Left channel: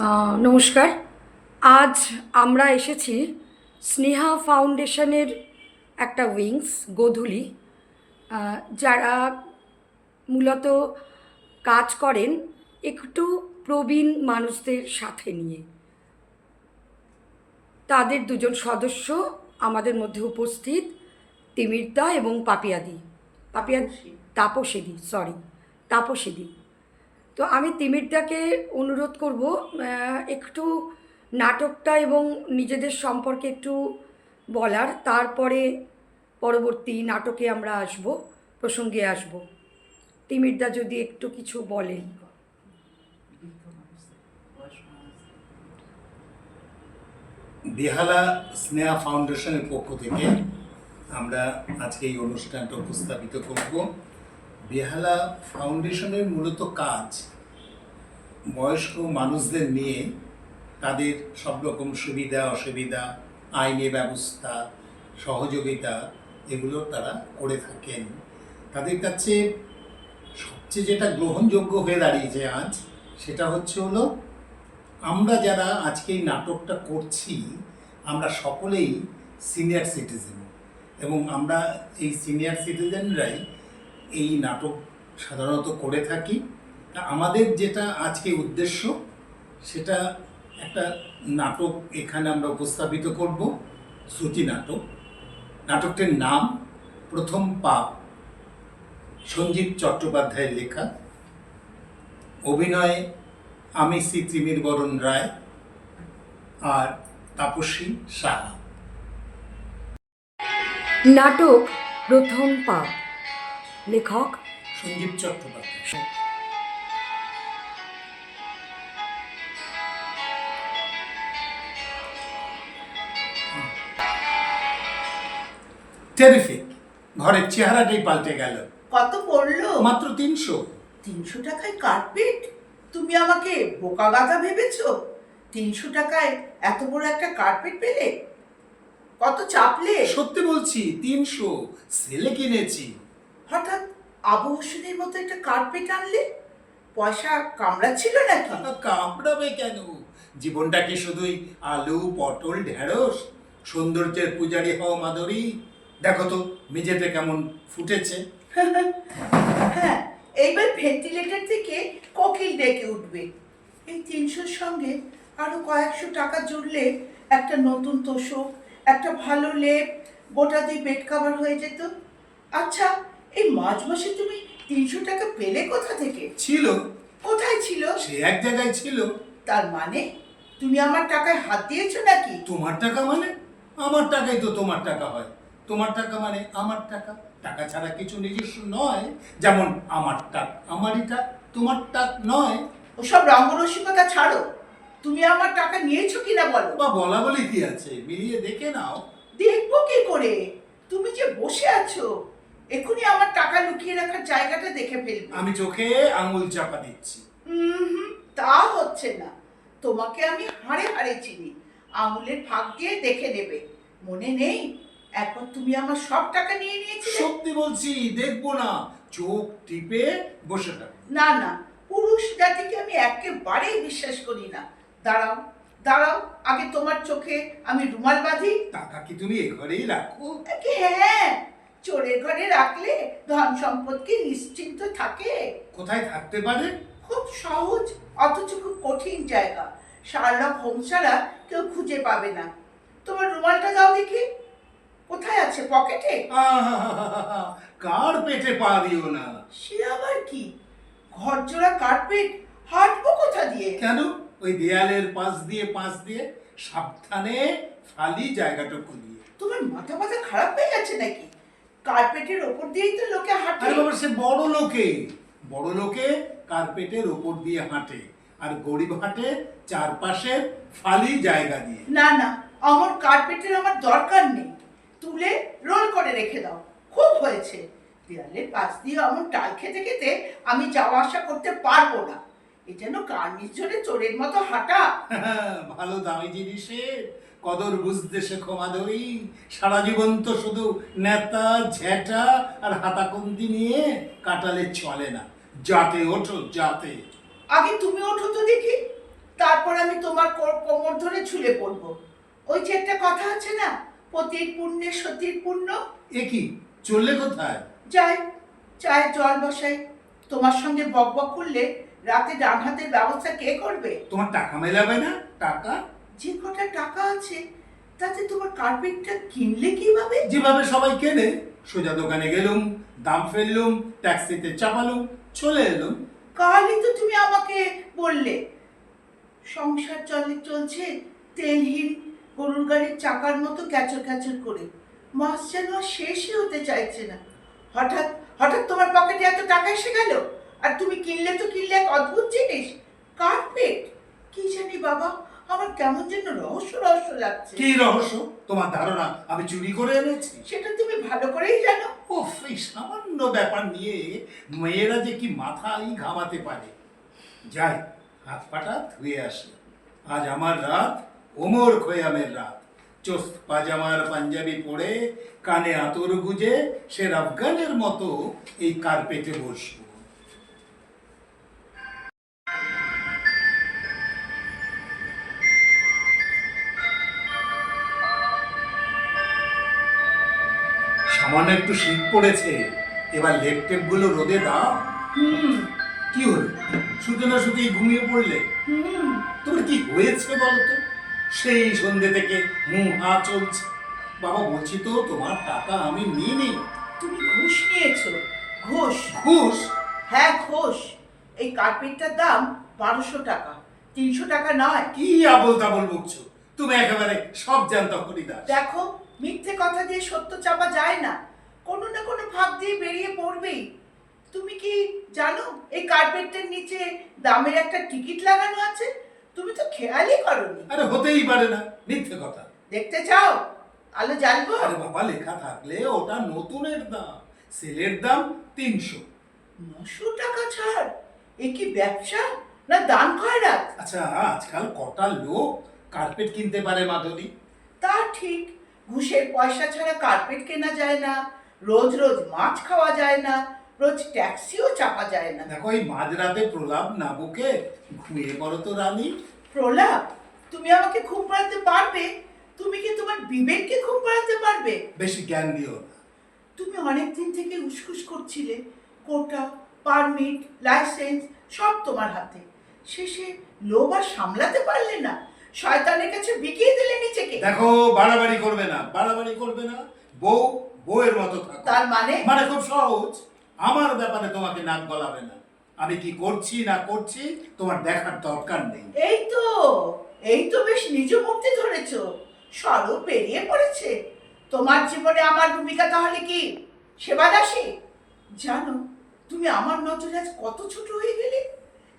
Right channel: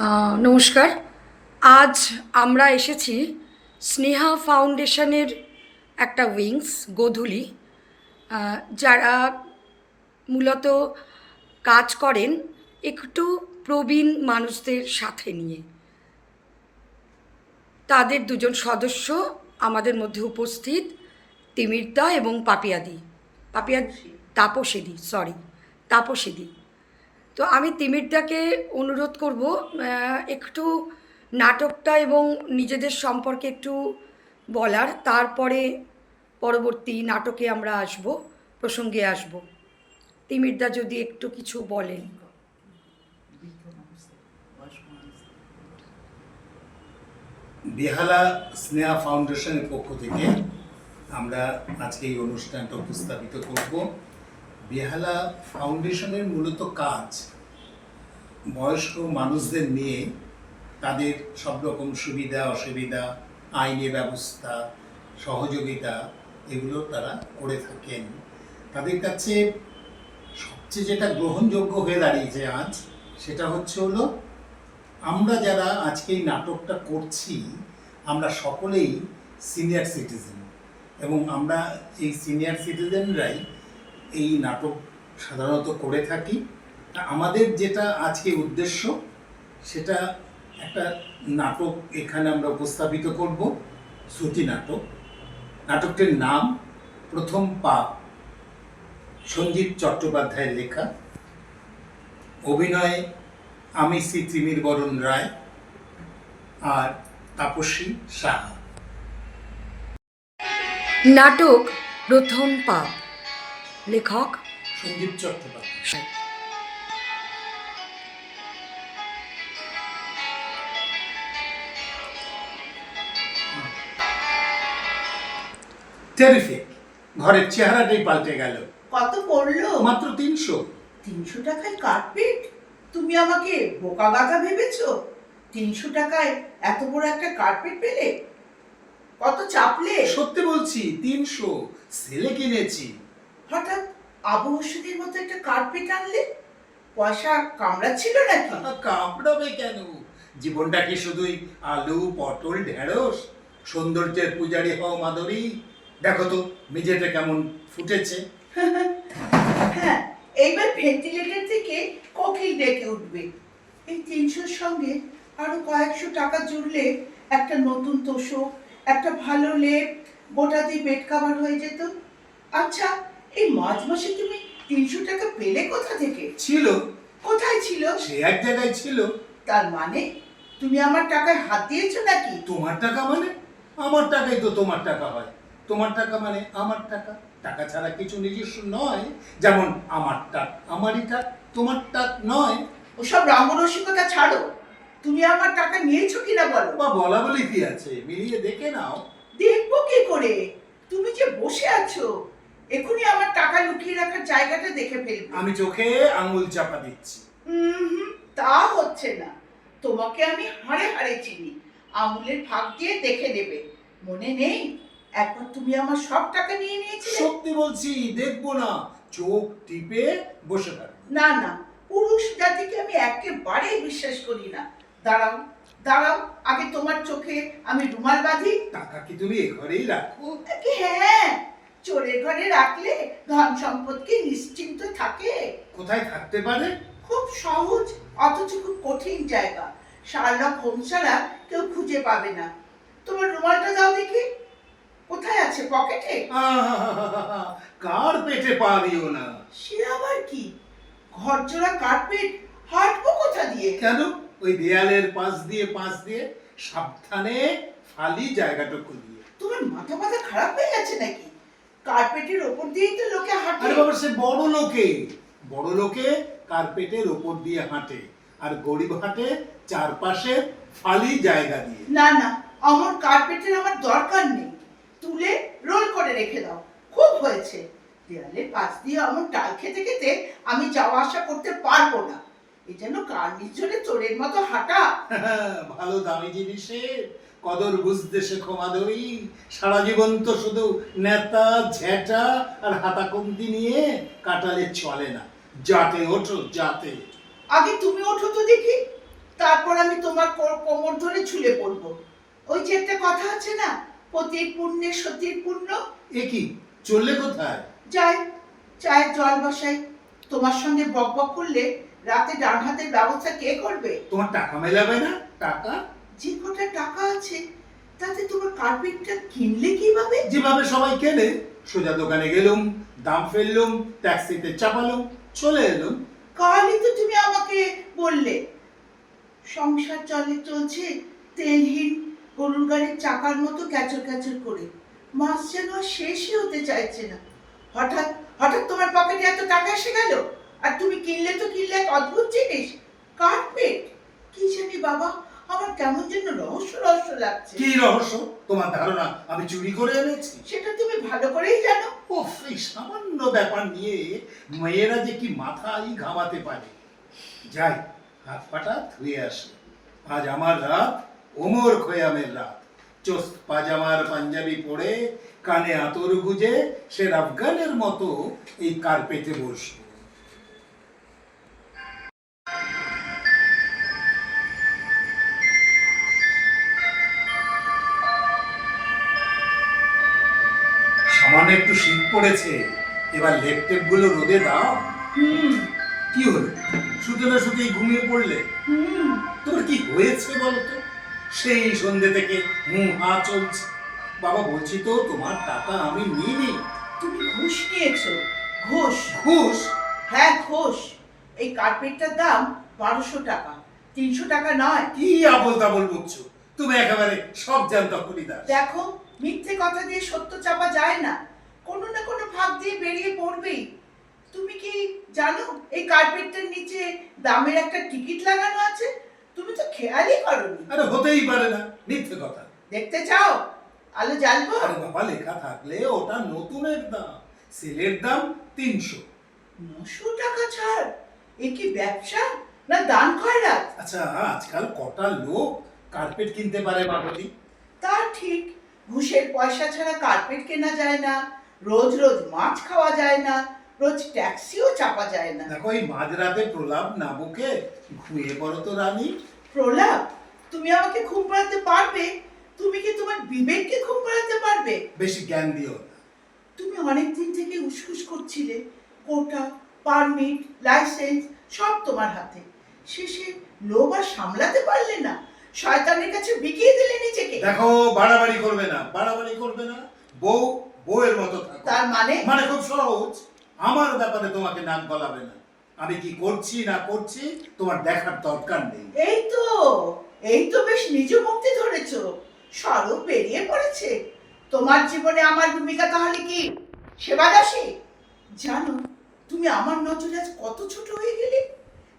নমস্কার। আজ আমরা এসেছি স্নেহা ফাউন্ডেশনের একটা উইংস গোধূলি, যারা মূলত কাজ করেন একটু প্রবীণ মানুষদের সাথে নিয়ে। তাদের দুজন সদস্য আমাদের মধ্যে উপস্থিত, তিমিরদা এবং তাপসীদি। তো আমি তিমিরদাকে অনুরোধ করব একটু নাটকটা এবং নিজেদের সম্পর্কে একটু বলার, তারপরে পরবর্তী নাটকে আমরা প্রসঙ্গে আসব। তিমিরদা যদি একটু কিছু বলেন। বেহালা স্নেহা ফাউন্ডেশনের পক্ষ থেকে আমরা আজকে এই অনুষ্ঠানটা উপস্থাপিত করব। বেহালা ফাউন্ডেশনের মূলত কাজ বয়স্ক মানুষদের নিয়ে তাদের সব রকম সুবিধা অসুবিধা, আইনি ব্যবস্থা, সহযোগিতা এগুলো তারা করে থাকেন। তাদের কাছে সবচেয়ে যেটা গ্রহণযোগ্য হয়ে দাঁড়িয়েছে আজ, সেটা হলো আমরা যারা আজকে এই নাটকটা করছি আমরা সকলেই সিনিয়র সিটিজেন, এবং আমরা এই সিনিয়র সিটিজেনরাই এই নাটক সাধারণত করে থাকি। আমাদের যেটা আজকে উদ্দেশ্য, সেটা একটা নাটক এখানে আমরা উপস্থাপিত করব, শ্রুতি নাটক। নাটকটির নাম প্রথম পাপ, সঞ্জীব চট্টোপাধ্যায়ের লেখা। অভিনয়ে আমি শ্রী তিমির বরণ রায় আর তাপসী সাহা। নাটক প্রথম পাপ, লেখক সঞ্জীব চট্টোপাধ্যায়। টেরিফিক, ঘরের চেহারাটাই পাল্টে গেল। কত পড়লো? মাত্র 300। 300 টাকায় কার্পেট? তুমি আমাকে বোকা গাধা ভেবেছো? 300 টাকায় এত বড় একটা কার্পেট পেলে? কত চাপলে? সত্যি বলছি, 300 সেলে কিনেছি। হঠাৎ আবু হোসেনের মতো একটা কার্পেট আনলে? পয়সা কামড়াচ্ছিল নাকি? কামড়াবে কেন? জীবনটা কি শুধুই আলু পটল ঢেঁড়স? সৌন্দর্যের পূজারি হও মাধুরী। দেখো তো মেঝেটা কেমন ফুটেছে। হ্যাঁ, এইবার ভেন্টিলেটর থেকে কোকিল ডেকে উঠবে। এই 300-র সঙ্গে আরো কয়েকশো টাকা জুড়লে একটা নতুন তোষক, একটা ভালো লেপ, গোটা 2 বেড কভার হয়ে যেত। আচ্ছা, এই মাঝ মাসে তুমি 300 টাকা পেলে কোথা থেকে? ছিল। কোথায় ছিল? সে এক জায়গায় ছিল। তার মানে তুমি আমার টাকায় হাত দিয়েছো নাকি? তোমার টাকা মানে? আমার টাকাই তো তোমার টাকা হয়। তোমার টাকা মানে আমার টাকা। টাকা ছাড়া কিছু নিজস্ব নয়। যেমন আমার টাক আমারই টাক, তোমার টাক নয়। ওসব রঙ্গরসিকতা ছাড়ো। তুমি আমার টাকা নিয়েছো কিনা বলো। বা বলা বলি কি আছে, মিলিয়ে দেখে নাও। দেখবো কি করে? তুমি যে বসে আছো, এখনই আমার টাকা লুকিয়ে রাখার জায়গাটা দেখে ফেলবে। আমি চোখে আঙুল চাপা দিচ্ছি। তা হচ্ছে না। তোমাকে আমি হাড়ে হাড়ে চিনি। আঙুলের ফাঁক দিয়ে দেখে নেবে। মনে নেই একবার তুমি আমার সব টাকা নিয়ে নিয়েছিলে? সত্যি বলছি, দেখবো না। চোখ টিপে বসে থাক। না না, পুরুষ জাতিকে আমি একেবারেই বিশ্বাস করি না। দাঁড়াও দাঁড়াও, আগে তোমার চোখে আমি রুমাল বাঁধি। টাকা কি তুমি এ ঘরেই রাখো? হ্যাঁ, চোরের ঘরে রাখলে ধন সম্পদ কি নিশ্চিন্ত থাকে? কোথায় থাকতে পারে? খুব সহজ, অথচ খুব কঠিন জায়গা। শার্লক হোমস ছাড়া কেউ খুঁজে পাবে না। তোমার রুমালটা দাও দেখি। কোথায় আছে? পকেটে? কার পেটে পা দিও না। সে আবার কি? ঘরজোড়া কার্পেট, হাঁটবো কোথা দিয়ে? কেন? ওই দেয়ালের পাশ দিয়ে সাবধানে ফালি জায়গাটুকু দিয়ে। তোমার মাথা মাথা খারাপ হয়ে গেছে নাকি? কার্পেটের ওপর দিয়েই তো লোকে হাঁটে। আরে বাবা, সে বড় লোকে কার্পেটের ওপর দিয়ে হাঁটে, আর গরিব হাঁটে চারপাশে ফালি জায়গা দিয়ে। না না, আমার কার্পেটের আমার দরকার নেই। তুলে রোল করে রেখে দাও। খুব হয়েছে। দেয়ালের পাশ দিয়ে আমার টাল খেতে খেতে আমি যাওয়া আসা করতে পারবো না। এ যেন কার্নিশ ঝরে চোরের মতো হাঁটা। ভালো দামি জিনিসের কদর বুঝতে শেখো মাধবী। সারা জীবন তো শুধু নেতা ঝেঁটা আর হাতাকন্তি নিয়ে কাটালে চলে না। জাতে ওঠো, জাতে। আগে তুমি ওঠো তো দেখি, তারপর আমি ওই যে একটা কথা আছে না, পতির পুণ্যে সতীর পুণ্য। এ কি, চললে কোথায়? যাই, চায়ের জল বসাই। তোমার সঙ্গে বক বক করলে রাতে ডান হাতের ব্যবস্থা কে করবে? তোমার টাকা মেলাবে না? টাকা যে কটা টাকা আছে তাতে তোমার কার্পেটটা কিনলে কিভাবে? যেভাবে সবাই কেনে, সোজা দোকানে গেলুম, দাম ফেললুম, ট্যাক্সিতে চাপালুম, চলে এলুম। কালই তো তুমি আমাকে বললে সংসার চলছে তেলহীন গরুর গাড়ির চাকার মতো ক্যাচর ক্যাচর করে, মাস যেন আর শেষই হতে চাইছে না। হঠাৎ হঠাৎ তোমার পকেটে এত টাকা এসে গেল, আর তুমি কিনলে তো কিনলে এক অদ্ভুত জিনিস, কার্পেট। কি জানি বাবা, আমার কেমন যেন রহস্য রহস্য লাগছে। কি রহস্য? তোমার ধারণা আমি চুরি করে এনেছি? সেটা তুমি ভালো করেই জানো। ওফ, এই সামান্য ব্যাপার নিয়ে মেয়েরা যে কি মাথাই ঘামাতে পারে। যাই, হাত পাটা ধুয়ে আসে। আজ আমার রাত ওমর খৈয়ামের রাত। চোস্ত পাজামার পাঞ্জাবি পরে, কানে আতর গুজে সে আফগানের মতো এই কার্পেটে বসবো। সামান্য একটু শীত পড়েছে, এবার লেপটেপ গুলো রোদে দাও। হুম কি হলো, শুধু না শুধুই ঘুমিয়ে পড়লে? হুম তোমার কি হয়েছে বলতো? সেই সন্ধ্যে থেকে হা চলছে। বাবা, বলছি তো তোমার টাকা আমি নিইনি। তুমি ঘুষ নিয়েছো? ঘুষ? ঘুষ? হ্যাঁ ঘুষ। এই কার্পেটটার দাম 1200 টাকা, 300 টাকা নয়। কি আবল তাবল বকছো? তুমি একেবারে সব জানতা হরিদাস। দেখো, মিথ্যে কথা দিয়ে সত্য চাপা যায় না, কোনো না কোনো ফাঁক দিয়ে বেরিয়ে পড়বেই। তুমি কি জানো এই কার্পেটটার নিচে দামের একটা টিকিট লাগানো আছে? তুমি তো খেয়ালই করোনি। আরে হতেই পারে না, মিথ্যে কথা। দেখতে চাও? আলো জ্বালবো? আরে বাবা, লেখা থাকলে ওটা নতুনের দাম, সেলের দাম 300। 900 টাকা ছাড়? এ কি ব্যবসা না দান খয়রাত? আচ্ছা, আজকাল কটা লোক কার্পেট কিনতে পারে মাধবী? তা ঠিক, ঘুষের পয়সা ছাড়া কার্পেট কেনা যায় না, রোজ রোজ মাছ খাওয়া যায় না, রোজ ট্যাক্সিও চাপা যায় না। দেখো, এই মাঝরাতে প্রলাপ না বকে ঘুমিয়ে পড়ো তো রানী। প্রলাপ? তুমি আমাকে ঘুম পাড়াতে পারবে? তুমি কি তোমার বিবেককে ঘুম পাড়াতে পারবে? বেশি জ্ঞান দিও না। তুমি অনেক দিন থেকে উসখুস করছিলে, কোটা, পারমিট, লাইসেন্স সব তোমার হাতে, শেষে লোভ আর সামলাতে পারলে না, শয়তানের কাছে বিকিয়ে দিলে নিজেকে। দেখো, বাড়াবাড়ি করবে না, বাড়াবাড়ি করবে না। বউ বউয়ের মতো থাকো। তার মানে? মানে খুব সহজ, আমার ব্যাপারে তোমাকে নাক গলাবে না। আমি কি করছি না করছি তোমার দেখার দরকার নেই। এই তো বেশ নিজ মুক্তি ধরেছো, স্বরূপ বেরিয়ে পড়েছে। তোমার জীবনে আমার ভূমিকা তাহলে কি সেবাদাসী? জানো, তুমি আমার নজরে আজ কত ছোট হয়ে গেলে।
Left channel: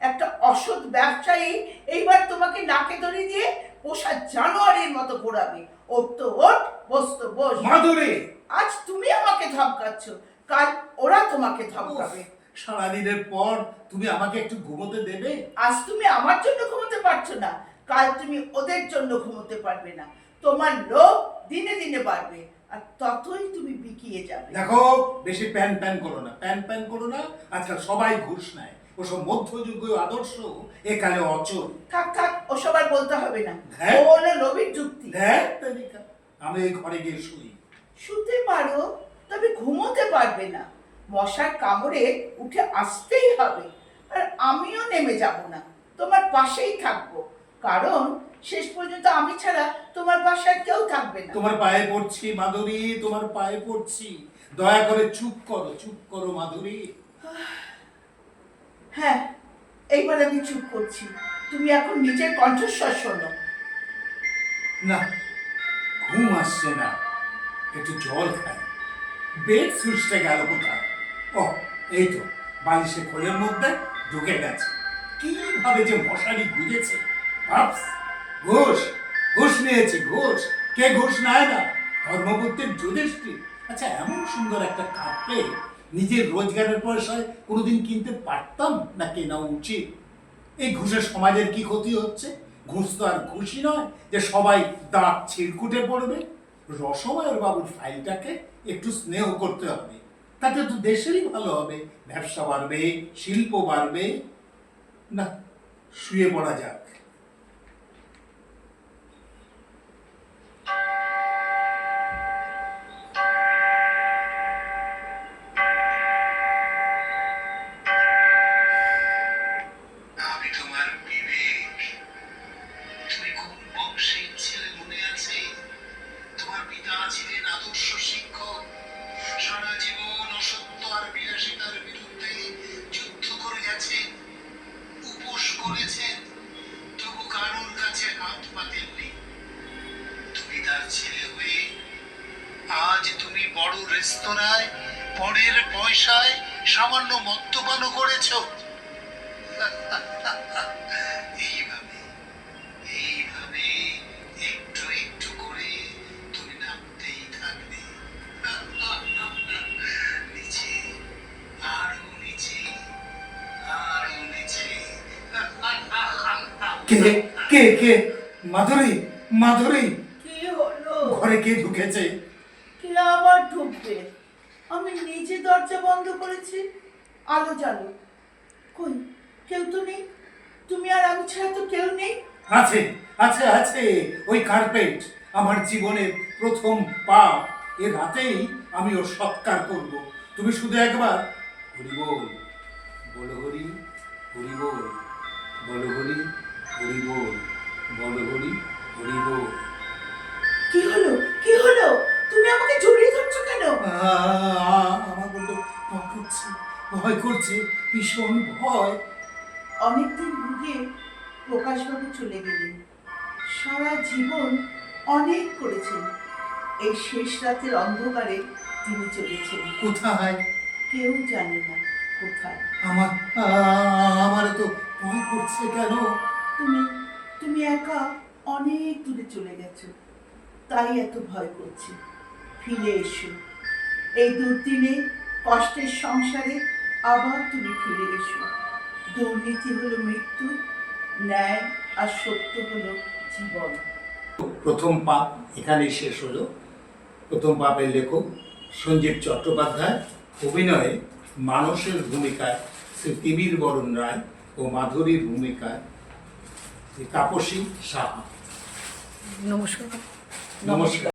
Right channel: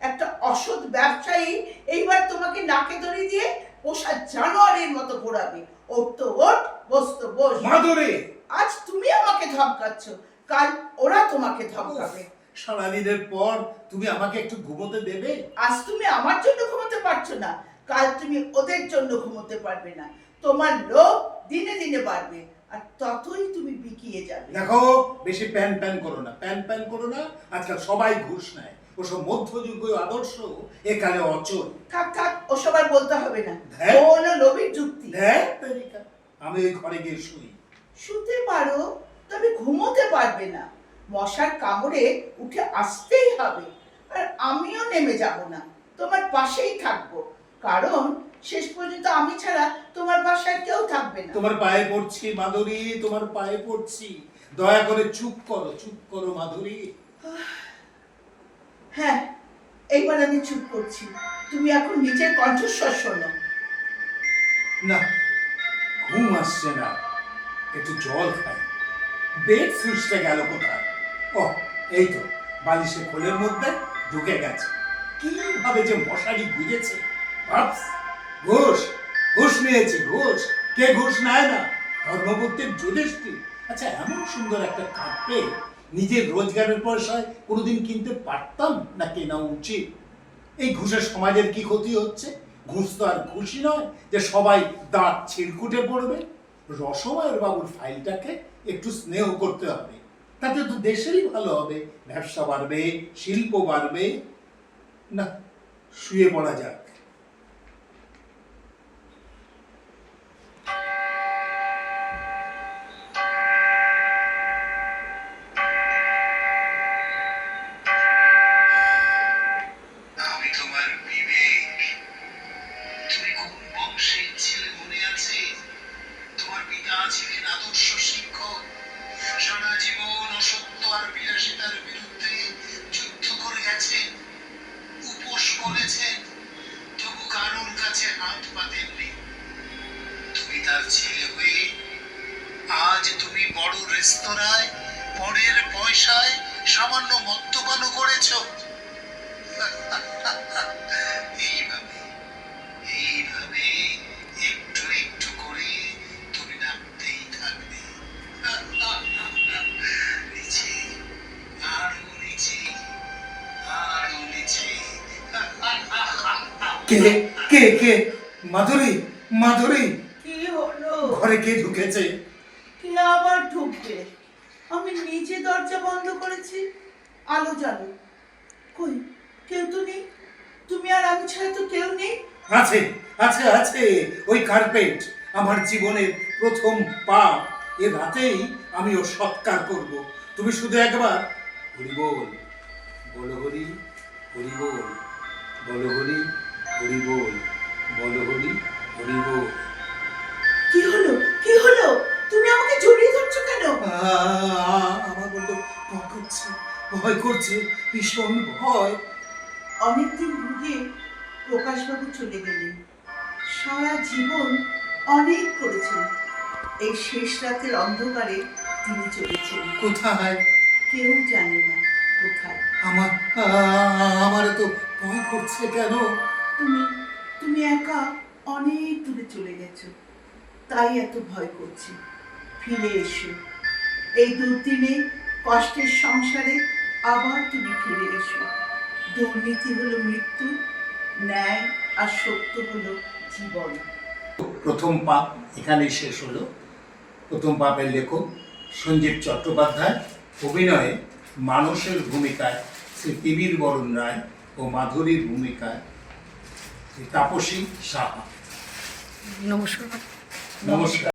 একটা অসৎ ব্যবসায়ী এইবার তোমাকে নাকে দড়ি দিয়ে পোষা জানোয়ারের মতো ঘোরাবে। ওর তো ওঠ, বস তো বস। মাধুরী, আজ তুমি আমাকে ধমকাচ্ছ, কাল ওরা তোমাকে ধমকাবে। সারাদিনের পর তুমি আমাকে একটু ঘুমোতে দেবে? আজ তুমি আমার জন্য ঘুমোতে পারছো না, কাল তুমি ওদের জন্য ঘুমোতে পারবে না। তোমার লোভ দিনে দিনে বাড়বে, আর ততই তুমি বিকিয়ে যাবে। দেখো, বেশি প্যান প্যান করো না, প্যান প্যান করো না। আজকাল সবাই ঘুষ নেয়, ওসব মধ্যযুগীয় আদর্শ একালে অচল। থাক থাক, ওসব আর বলতে হবে না। হ্যাঁ? ও হলো লোভীর যুক্তি। দেখ তালিকা, আমি ওই ঘরে গিয়ে শুই। শুতে পারো, তবে ঘুমোতে পারবে না। মশার কামড়ে উঠে আসতেই হবে। আর আমিও নেমে যাব না, তোমার পাশেই থাকবো, কারণ শেষ পর্যন্ত আমি ছাড়া তোমার বাসায় কেউ থাকবে না। তোমার পায়ে পড়ছি মাধুরী, তোমার পায়ে পড়ছি, দয়া করে চুপ করো, চুপ করো মাধুরী। হ্যাঁ, এইবার আমি চুপ করছি, তুমি এখন নিজের কণ্ঠস্বর শোনো। না, ঘুম আসছে না, একটু জল খাই। বেড সুইচটা গেল কোথায়? ও, এই তো, বালিশে খোলের মধ্যে ঢুকে গেছে। কিভাবে যে মশারি গুজেছে ভাবস। ঘুষ, ঘুষ নিয়েছি, ঘুষ। কে ঘুষ নেয় না? ধর্মপত্রের যুধিষ্ঠির। আচ্ছা, এমন সুন্দর একটা কার্পেট নিজের রোজগারের পয়সায় কোনোদিন কিনতে পারতাম না, কেনা উচিত? এই ঘুষের সমাজের কি ক্ষতি হচ্ছে? ঘুষ তো আর ঘুষই নয় যে সবাই দাঁত ছিড়কুটে পড়বে। রসমায়ের বাবুর ফাইলটাকে একটু স্নেহ করতে হবে, তাতে তো দেশেরই ভালো হবে, ব্যবসা বাড়বে, শিল্প বাড়বে। না, শুয়ে পড়া যাক। তোমার বিবেক, তুমি কোন বংশের ছেলে মনে আছে? তোমার পিতা ছিলেন আদর্শ শিক্ষক, সারা জীবন অসত্য আর বিলাসিতার বিরুদ্ধে যুদ্ধ করে গেছেন, উপোস করেছেন, তবু কারোর কাছে হাত পাতেননি। তুমি তার ছেলে হয়ে আজ তুমি বড় রেস্তোরাঁয় পরের পয়সায় সামান্য মদ্যপানও করেছ। এইভাবে এইভাবে একটু একটু করে তুমি নামতেই থাকবে, নিচে, আরো নিচে, আরো নিচে। কে কে কে? মাধুরী, মাধুরী, কি হলো? ঘরে কে ঢুকেছে? কে আবার ঢুকবে? আমি নিজে দরজা বন্ধ করেছি, আলো জ্বালো। কই, কেউ তো নেই। তুমি আর আমি ছাড়া তো কেউ নেই। আছে আছে আছে, ওই কার্পেট আমার জীবনের প্রথম পা। এ রাতেই আমি ওর সৎকার করব। তুমি শুধু একবার হরি বল, বলো হরি, হরি বল, বলো হরি, হরি বল, বলো হরি, হরি বল। কি হলো? কি হলো? তুমি আমাকে জড়িয়ে ধরছো কেন? আমার বললো ভয় করছে, ভয় করছে, ভীষণ ভয়। অনেকদিন ভুগে প্রকাশবাবু চলে গেলেন। সারা জীবন অনেক করেছেন, এই শেষ রাতের অন্ধকারে তিনি চলেছেন। কোথায়? কেউ জানে না কোথায়। আমার আমার তো ভয় করছে কেন? তুমি তুমি একা অনেক দূরে চলে গেছো, তাই এত ভয় করছে। ফিরে এসো, এই দুর্দিনে কষ্টের সংসারে আবার তুমি ফিরে এসো। দুর্নীতি হলো মৃত্যু, ন্যায় আর সত্য হলো জীবন। প্রথম পাপ এখানেই শেষ হলো। প্রথম পাপের লেখক সঞ্জীব চট্টোপাধ্যায়, অভিনয়ে মানসের ভূমিকায় শ্রী তিমির বরণ রায় ও মাধুরীর ভূমিকায় শ্রী তাপসী সাহা। নমস্কার। নমস্কার।